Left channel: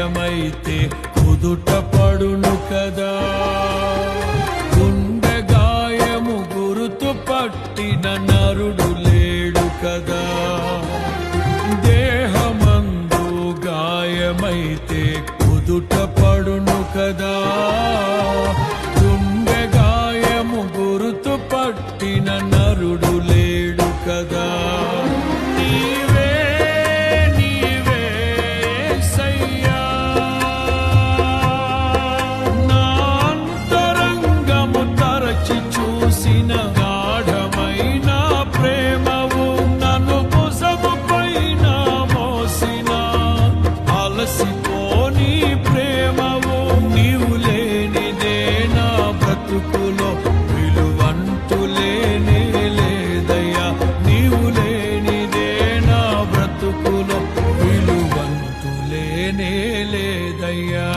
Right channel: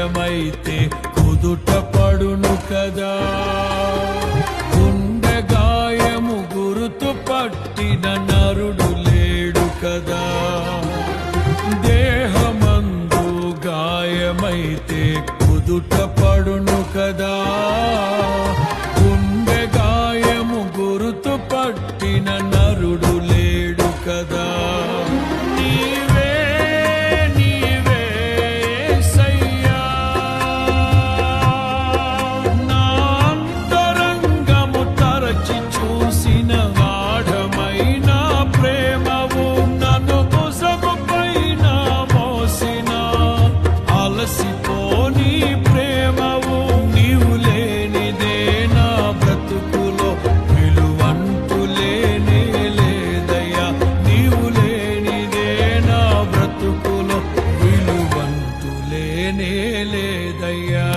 గాయమైతే కుదుట పడును కదా. గుండె గాయము గురుతు పట్టిన నరుడు లేడు కదా. దేహమందు గాయమైతే కుదుట పడును కదా. గుండె గాయము గురుతు పట్టిన నరుడు లేడు కదా. నీవే నీవే యేసయ్యా, నా అంతరంగము తరచి చూసిన గాఢమైన ప్రేమవు, నన్ను భుజము పైన మోసిన అలసిపోని ప్రేమవు. నీవు లేనిదే నా బ్రతుకులో విలువంటూ లేనే లేదయ్యా. నీవు లేనిదే నా బ్రతుకులో విలువంటూ లేనే లేదయ్యా.